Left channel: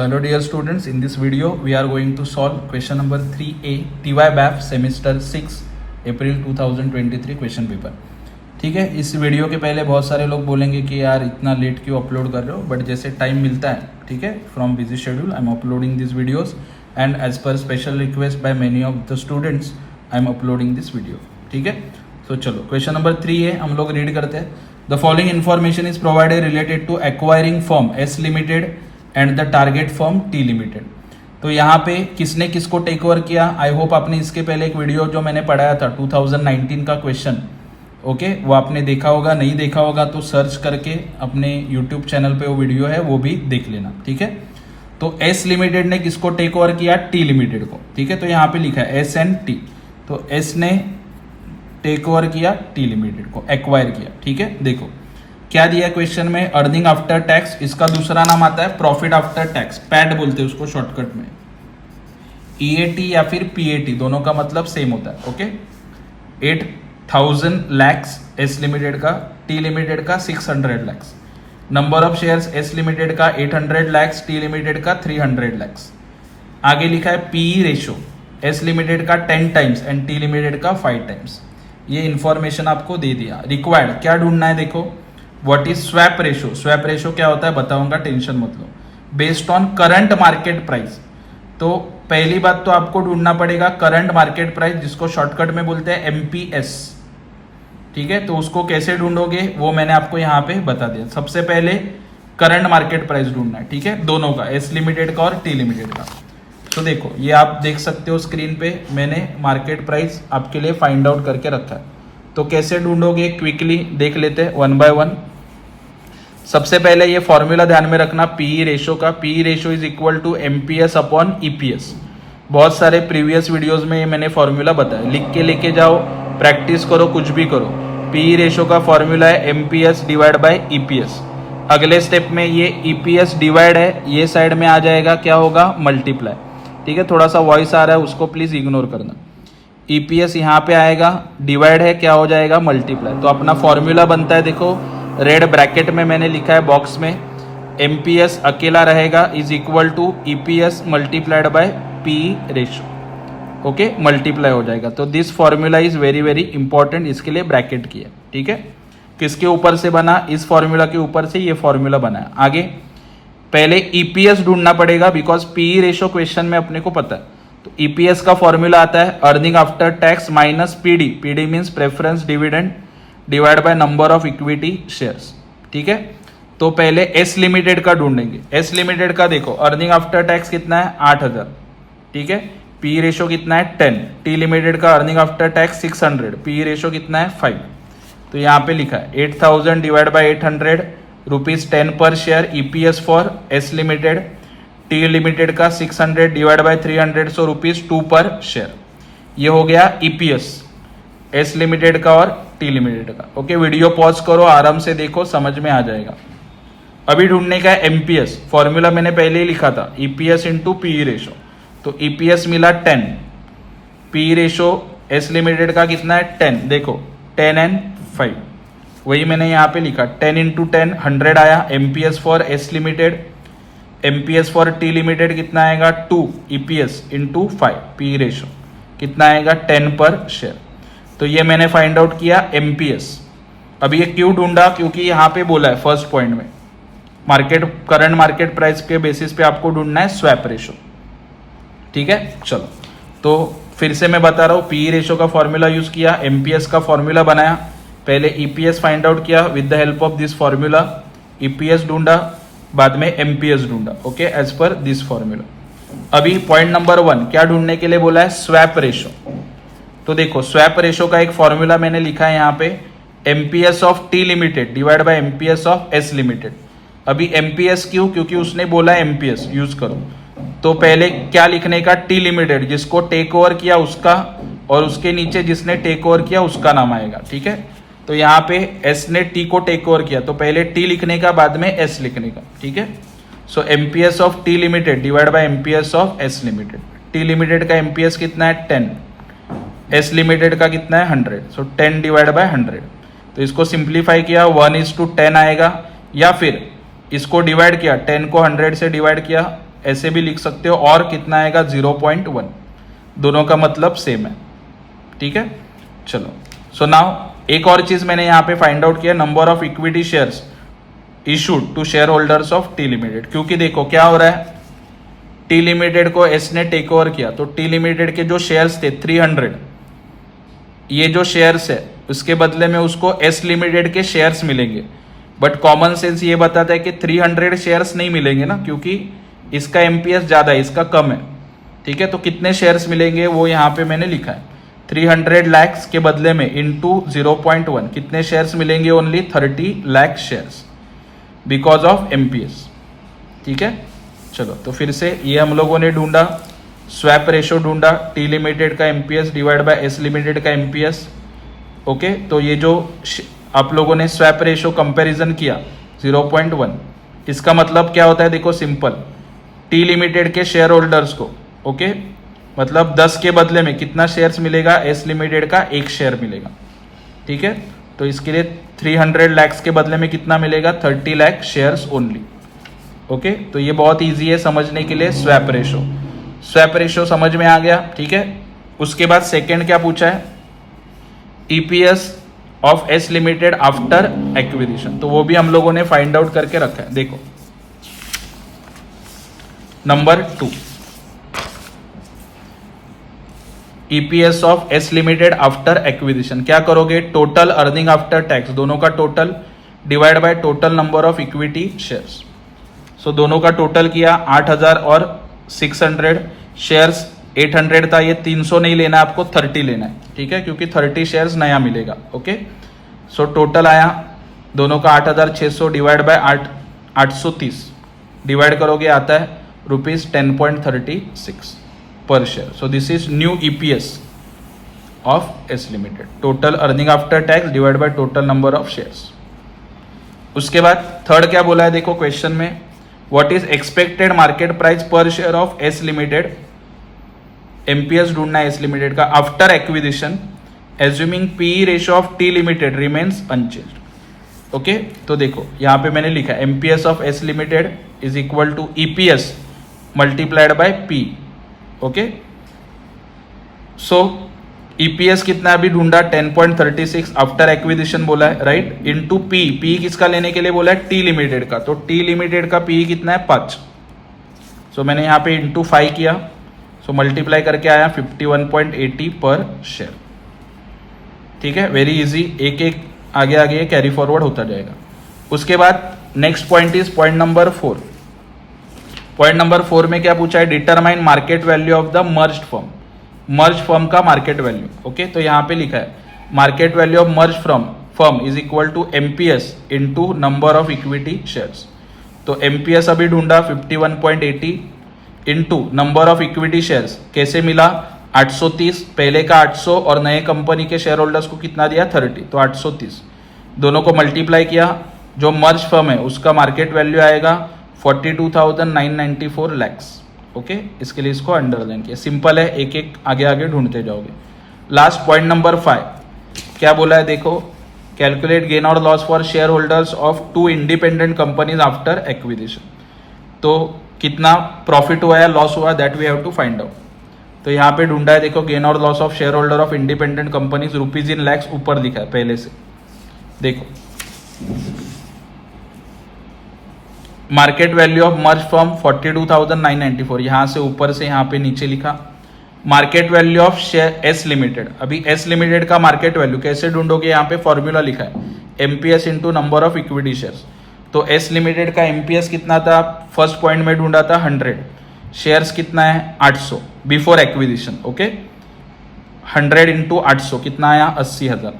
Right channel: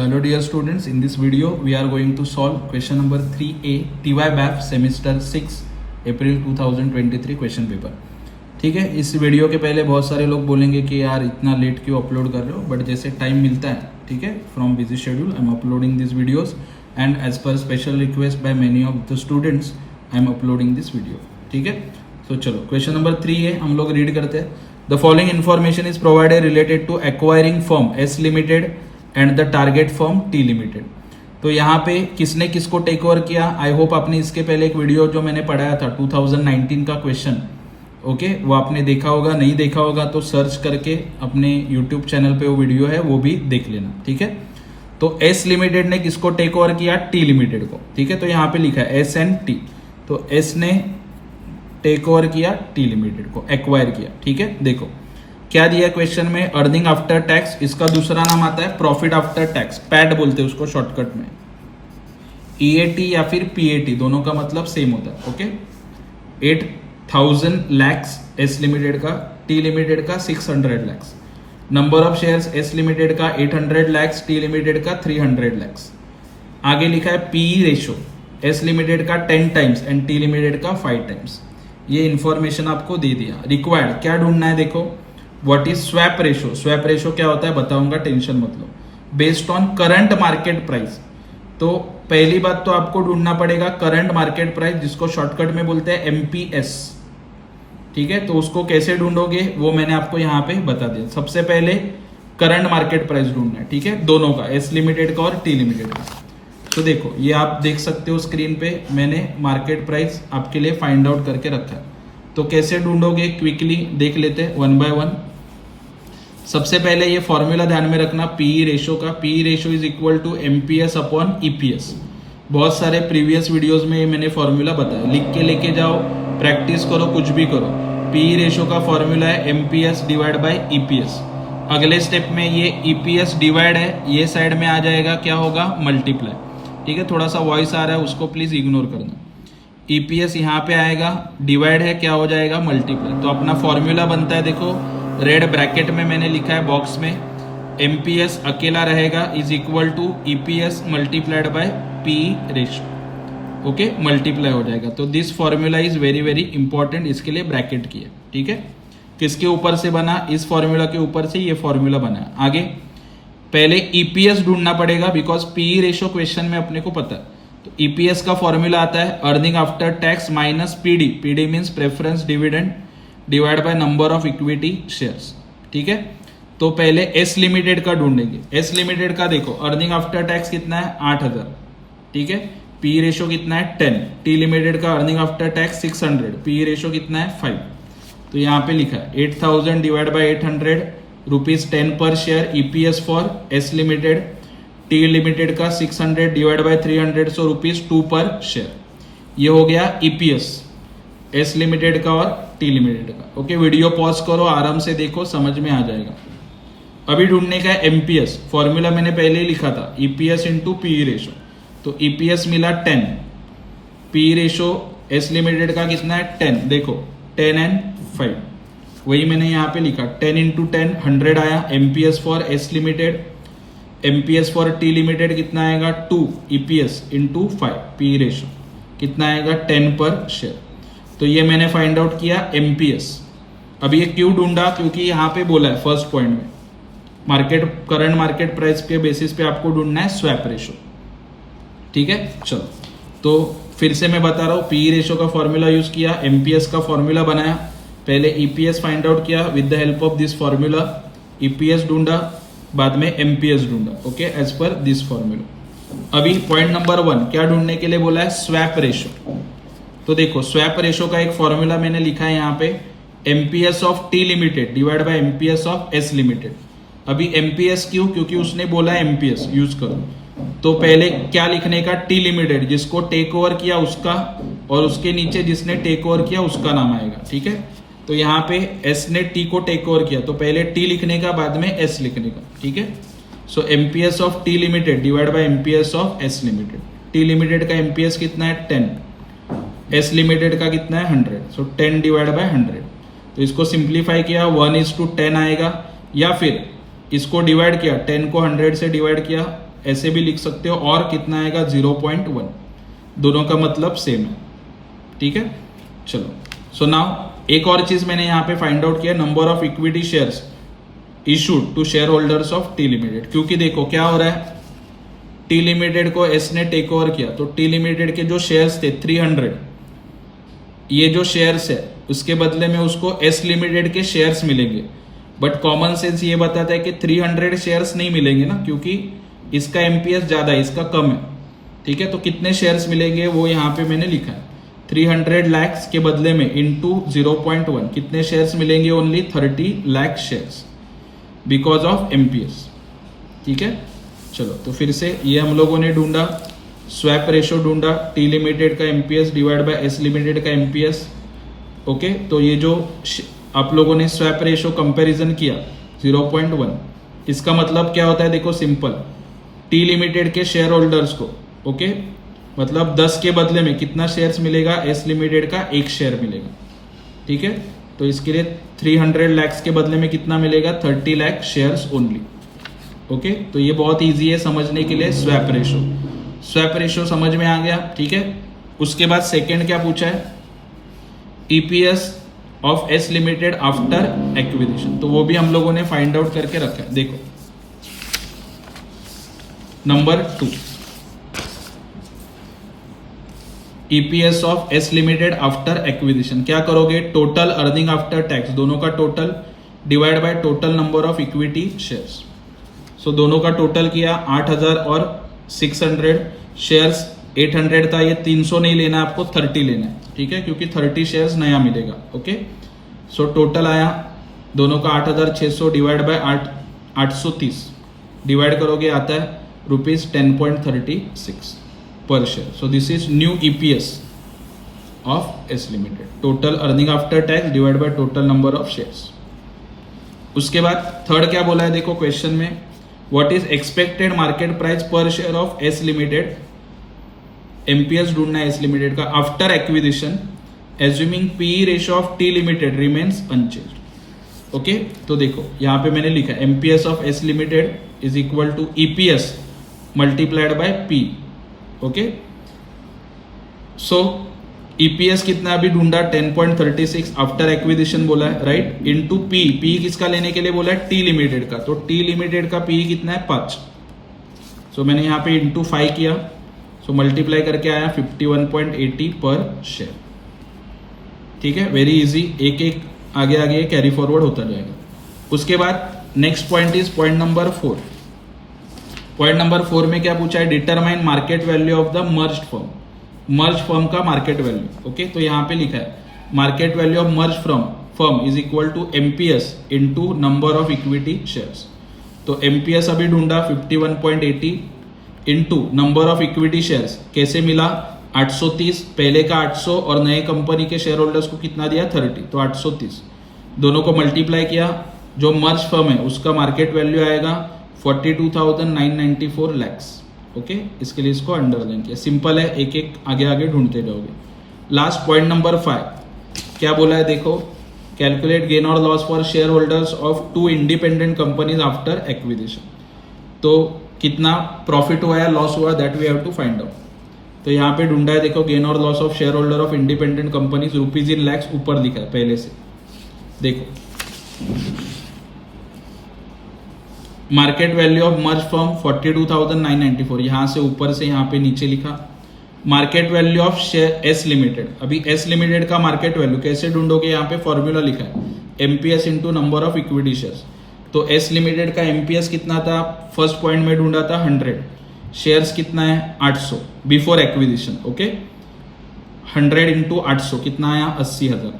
Hello dear students, in this video we are going to solve question number 3A TY-BAF semester 6 April 2023 question paper. ठीक है, इस video के पहले बहुत सारे लोग बोलेंगे कि यार इतना लेट क्यों अपलोड कर रहे हो, बट जैसे टाइम मिलता है, ठीक है, from busy schedule I am uploading this videos and as per special request by many of the students I am uploading this video. ठीक है, तो चलो क्वेश्चन नंबर 3A हम लोग रीड करते हैं। The following information is provided related to acquiring firm S limited and the target firm T limited. तो यहाँ पे किसने किसको टेक ओवर किया, आई होप आपने इसके पहले एक वीडियो जो मैंने पढ़ाया था 2019 का क्वेश्चन, ओके, वो आपने देखा होगा, नहीं देखा होगा तो सर्च करके अपने यूट्यूब चैनल पे वो वीडियो है वो भी देख लेना। ठीक है, तो एस लिमिटेड ने किसको टेक ओवर किया, टी लिमिटेड को। ठीक है, तो यहाँ पे लिखा है एस एंड टी, तो एस ने टेक ओवर किया टी लिमिटेड को, एक्वायर किया। ठीक है, देखो क्या दिया क्वेश्चन में, अर्निंग आफ्टर टैक्स, इसका दूसरा नाम आता है प्रॉफिट आफ्टर टैक्स, पैड बोलते हैं उसको शॉर्टकट में। ईएटी या फिर पीएटी दोनों का मतलब सेम होता है। ओके, 8000 लैक्स एस लिमिटेड का, टी लिमिटेड का 600 lakhs. Number of shares S limited का 800 लैक्स, टी लिमिटेड का 300 लैक्स। आगे लिखा है पीई रेशो, एस लिमिटेड का 10 टाइम्स एंड टी लिमिटेड का 5 टाइम्स। ये इंफॉर्मेशन आपको दे दिया। रिक्वायर्ड क्या ढूंढना है, देखो what is swap ratio. Swap ratio क्या होता है बताऊंगा, टेंशन मत लो। Based on current market price, तो पहली बात तो आपको ढूंढना पड़ेगा करंट मार्केट प्राइस, जिसको शॉर्टकट में बोलते हैं एमपीएस। ठीक है, तो उसको कैसे ढूंढोगे वो मैंने आपको यहाँ पे बता दिया। सबसे पहले करंट मार्केट प्राइस ढूंढना है, ठीक है, दोनों का, एस लिमिटेड का और टी लिमिटेड का। तो देखो ये आप देख सकते हो स्क्रीन पे, मैंने मार्केट प्राइस आपके लिए फाइंड आउट करके रखा है। तो कैसे ढूंढोगे क्विकली देख लेते हैं वन बाय वन। सबसे पहले ये फॉर्मूला ध्यान में रखना पीई रेशो का, PE ratio is equal to MPS upon EPS. बहुत सारे प्रीवियस वीडियोस में ये मैंने फॉर्मूला बताया, लिख के लेके जाओ, प्रैक्टिस करो, कुछ भी करो। पीई रेशो का फॉर्मूला है एमपीएस डिवाइड बाय ईपीएस। अगले स्टेप में ये ईपीएस डिवाइड है, ये साइड में आ जाएगा, क्या होगा, मल्टीप्लाई। ठीक है, थोड़ा सा वॉइस आ रहा है उसको प्लीज इग्नोर करना। ईपीएस यहाँ पे आएगा, डिवाइड है, क्या हो जाएगा, मल्टीप्लाई। तो अपना फॉर्मूला बनता है, देखो रेड ब्रैकेट में मैंने लिखा है बॉक्स में, एमपीएस अकेला रहेगा is equal to EPS multiplied by P ratio. Okay, multiply हो जाएगा। तो this formula is very very important, इसके लिए ब्रैकेट किया। ठीक है, किसके ऊपर से बना, इस फॉर्मूला के ऊपर से ये फॉर्मूला बना है। आगे पहले ईपीएस ढूंढना पड़ेगा, बिकॉज पी रेशो क्वेश्चन में अपने को पता है। तो ईपीएस का फॉर्मूला आता है earning after tax minus PD, PD means preference dividend, divide by number of equity shares. ठीक है, तो पहले एस लिमिटेड का ढूंढेंगे। एस लिमिटेड का देखो अर्निंग आफ्टर टैक्स कितना है, 8000। ठीक है, पी रेशो कितना है, 10। टी लिमिटेड का earning after tax 600, P ratio कितना है, 5। तो यहाँ पे लिखा है 8000 डिवाइड बाय 800 रुपीज 10 पर share, EPS for S limited. T limited का 600 डिवाइड बाय 300, सो रुपीज 2 पर शेयर। ये हो गया ईपीएस एस लिमिटेड का और टी लिमिटेड का। ओके, वीडियो पॉज करो, आराम से देखो, समझ में आ जाएगा। अभी ढूंढने का एमपीएस, फॉर्मूला मैंने पहले ही लिखा था, ईपीएस इंटू पी रेशो। तो ईपीएस मिला 10, पी रेशो एस लिमिटेड का कितना है, 10। देखो 10 एंड 5, वही मैंने यहाँ पे लिखा, 10 इंटू 10 100 आया MPS for S limited. MPS for T limited कितना आएगा, 2 ईपीएस इंटू 5, पी रेशो कितना आएगा, 10 पर शेयर। तो ये मैंने फाइंड आउट किया एमपीएस। अब ये क्यों ढूंढा, क्योंकि यहाँ पे बोला है फर्स्ट पॉइंट में मार्केट, करंट मार्केट प्राइस के बेसिस पे आपको ढूंढना है स्वैप रेशो। ठीक है, चलो तो फिर से मैं बता रहा हूँ, पी रेशो का फॉर्मूला यूज किया, एमपीएस का फॉर्मूला बनाया, पहले ईपीएस फाइंड आउट किया with the help of this formula, EPS ढूंढा, बाद में एमपीएस ढूंढा। Okay, as per this formula. अभी पॉइंट नंबर 1 क्या ढूंढने के लिए बोला है, स्वैप रेशो। तो देखो स्वैप रेशो का एक फॉर्मूला मैंने लिखा है यहाँ पे, MPS of T limited divide by MPS of S limited. अभी एमपीएस क्यों, क्योंकि उसने बोला एमपीएस यूज करो। तो पहले क्या लिखने का, टी लिमिटेड, जिसको टेक ओवर किया उसका, और उसके नीचे जिसने टेक ओवर किया उसका नाम आएगा। ठीक है, तो यहाँ पे एस ने टी को टेक ओवर किया, तो पहले टी लिखने का, बाद में एस लिखने का। ठीक है, so MPS of T limited divide by MPS of S limited. T limited का एमपीएस कितना है, 10। एस लिमिटेड का कितना है, 100। So 10 divide by 100। तो इसको सिंप्लीफाई किया, 1:10 आएगा, या फिर इसको डिवाइड किया, 10 को 100 से डिवाइड किया ऐसे भी लिख सकते हो, और कितना आएगा 0.1, दोनों का मतलब सेम है, ठीक है। चलो, सो नाउ एक और चीज मैंने यहाँ पे फाइंड आउट किया, number of equity shares issued to share holders of T limited. क्योंकि देखो क्या हो रहा है, टी लिमिटेड को एस ने टेक ओवर किया, तो टी लिमिटेड के जो शेयर्स थे 300, ये जो शेयर्स है उसके बदले में उसको एस लिमिटेड के शेयर्स मिलेंगे। बट कॉमन सेंस ये बताता है कि 300 शेयर्स नहीं मिलेंगे ना, क्योंकि इसका एमपीएस ज्यादा है, इसका कम है, ठीक है। तो कितने शेयर्स मिलेंगे वो यहाँ पे मैंने लिखा है, 300 लाख के बदले में इंटू 0.1 कितने शेयर्स मिलेंगे, only 30 lakh shares because of MPS, ठीक है। चलो, तो फिर से ये हम लोगों ने ढूंढा, स्वैप रेशो ढूंढा, टी लिमिटेड का MPS divide by S limited का एमपीएस, ओके। तो ये जो आप लोगों ने स्वैप रेशो कंपैरिजन किया 0.1, इसका मतलब क्या होता है, देखो सिंपल, टी लिमिटेड के शेयर होल्डर्स को, ओके, मतलब 10 के बदले में कितना शेयर्स मिलेगा, एस लिमिटेड का 1 शेयर मिलेगा, ठीक है। तो इसके लिए 300 लाख के बदले में कितना मिलेगा, 30 लाख शेयर्स ओनली, ओके। तो ये बहुत इजी है समझने के लिए, स्वैप रेशो। स्वैप रेशो समझ में आ गया, ठीक है। उसके बाद सेकेंड क्या पूछा है, EPS of S limited after acquisition, तो वो भी हम लोगों ने फाइंड आउट करके रखा है। देखो number 2, EPS of S limited after acquisition, क्या करोगे, टोटल अर्निंग आफ्टर टैक्स, दोनों का total divide by total number of equity shares. So दोनों का टोटल किया 8000 और 600, शेयर्स 800 था, ये 300 नहीं लेना है आपको, 30 लेना है, ठीक है, क्योंकि 30 शेयर्स नया मिलेगा, ओके। सो टोटल आया दोनों का 8600 डिवाइड बाय 830, डिवाइड करोगे आता है ₹10.36 per share. So this is new EPS of S limited, total earning after tax divide by total number of shares. उसके बाद थर्ड क्या बोला है, देखो क्वेश्चन में, what is expected market price per share of S limited, MPS ढूंढना है S limited का after acquisition, assuming PE ratio of T limited remains unchanged, okay. तो देखो यहाँ पे मैंने लिखा MPS of S limited is equal to EPS multiplied by P, okay. So EPS कितना अभी ढूंढा, 10.36 आफ्टर एक्विजिशन बोला है, राइट, इनटू पी, पी किसका लेने के लिए बोला है, टी लिमिटेड का, तो टी लिमिटेड का पी कितना है 5। सो मैंने यहाँ पे इंटू 5 किया, सो मल्टीप्लाई करके आया 51.80 पर शेयर, ठीक है, वेरी इजी, एक एक आगे आगे कैरी फॉरवर्ड होता जाएगा। उसके बाद next point is point number 4। Point number 4 में क्या पूछा है, determine market value of the merged firm, merge firm का मार्केट वैल्यू, ओके। तो यहाँ पे लिखा है market value of merge firm is equal to MPS into number of equity shares. तो एमपीएस अभी ढूंढा 51.80 into number of equity shares, कैसे मिला, 830, पहले का 800 और नए कंपनी के शेयर होल्डर्स को कितना दिया 30, तो 830, दोनों को मल्टीप्लाई किया, जो मर्ज फर्म है उसका मार्केट वैल्यू आएगा 42,994 लैक्स, ओके। इसके लिए इसको अंडरलाइन किया, सिंपल है, एक एक आगे आगे ढूंढते जाओगे। लास्ट पॉइंट नंबर 5 क्या बोला है, देखो, कैलकुलेट गेन और loss for share holders of 2 independent companies after acquisition. तो कितना प्रॉफिट हुआ या लॉस हुआ, that we have to find out. तो यहाँ पे ढूंढा है, देखो, गेन और loss of share holder of independent companies rupees in lakhs, ऊपर लिखा है पहले से, देखो market value of merge firm 42,994, यहां से ऊपर से यहां पे नीचे लिखा, market value of share S limited, अभी एस लिमिटेड का मार्केट वैल्यू कैसे ढूंढोगे, यहाँ पे फॉर्मूला लिखा है MPS into number of equity shares. तो एस लिमिटेड का एमपीएस कितना था, फर्स्ट पॉइंट में ढूंढा था 100, शेयर्स कितना है 800 बिफोर एक्विजिशन, ओके। 100 इंटू 800 कितना आया 80,000,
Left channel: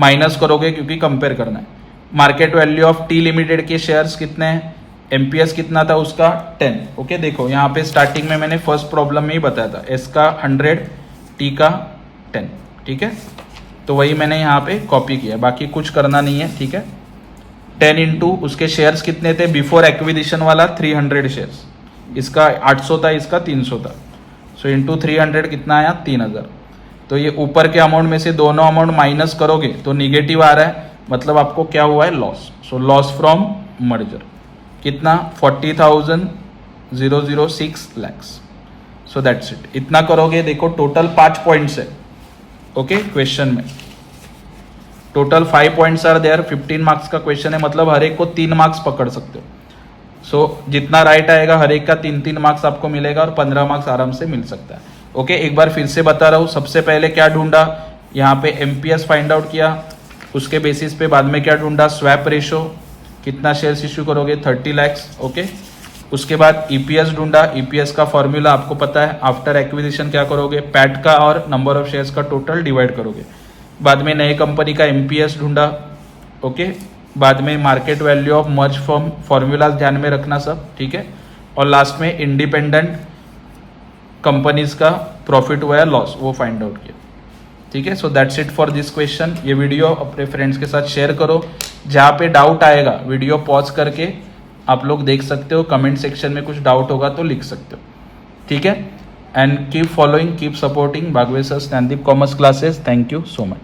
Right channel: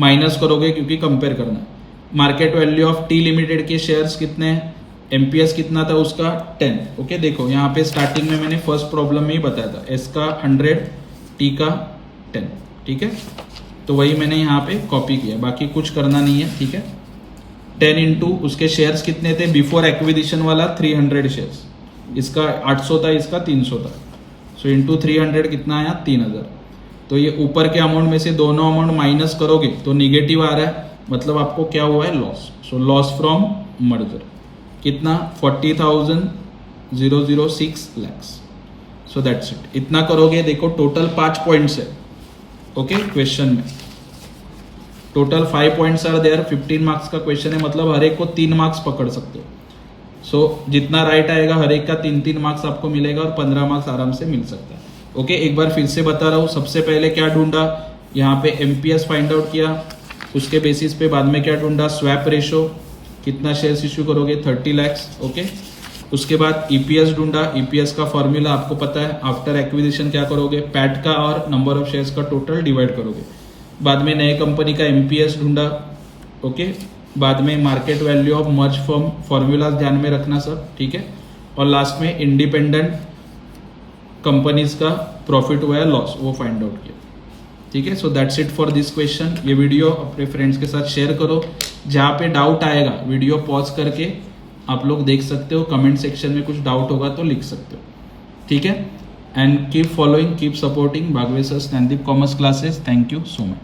माइनस करोगे क्योंकि कंपेयर करना है। Market value of T limited के शेयर्स कितने हैं, एमपीएस कितना था उसका 10, ओके। देखो यहाँ पे स्टार्टिंग में मैंने फर्स्ट प्रॉब्लम में ही बताया था, एस का 100, टी का 10, ठीक है। तो वही मैंने यहाँ पे कॉपी किया, बाकी कुछ करना नहीं है, ठीक है। 10 इंटू उसके शेयर्स कितने थे बिफोर एक्विजिशन वाला 300 शेयर्स, इसका 800 था, इसका 300 था, सो इंटू 300 कितना आया 3000। तो ये ऊपर के अमाउंट में से दोनों अमाउंट माइनस करोगे तो निगेटिव आ रहा है, मतलब आपको क्या हुआ है loss. So loss from merger कितना 40,000 006 lakhs. So that's it. इतना करोगे. देखो टोटल 5 पॉइंट्स है ओके क्वेश्चन में. Total 5 points are there. 15 marks का क्वेश्चन है, मतलब हर एक को 3 मार्क्स पकड़ सकते हो. सो जितना राइट आएगा हर एक का 3-3 मार्क्स आपको मिलेगा और 15 मार्क्स आराम से मिल सकता है. ओके एक बार फिर से बता रहा हूँ. सबसे पहले क्या ढूंढा, यहाँ पे एमपीएस फाइंड आउट किया. उसके बेसिस पे बाद में क्या ढूंढा, स्वैप रेशो, कितना शेयर्स इश्यू करोगे 30 lakhs. ओके उसके बाद ईपीएस ढूंढा. ईपीएस का फॉर्मूला आपको पता है. आफ्टर एक्विजिशन क्या करोगे, पैट का और नंबर ऑफ शेयर्स का टोटल डिवाइड करोगे. बाद में नए कंपनी का एमपीएस ढूंढा. ओके बाद में market value of merge firm, formulas ध्यान में रखना सब ठीक है. और लास्ट में इंडिपेंडेंट कंपनीज का प्रॉफिट हुआ या लॉस वो फाइंड आउट किया. ठीक है. So that's it for this question. ये वीडियो अपने फ्रेंड्स के साथ शेयर करो. जहाँ पे डाउट आएगा वीडियो पॉज करके आप लोग देख सकते हो. कमेंट सेक्शन में कुछ डाउट होगा तो लिख सकते हो. ठीक है. And keep following, keep supporting Bagwe sir स्टैनदीप commerce classes. Thank you so much.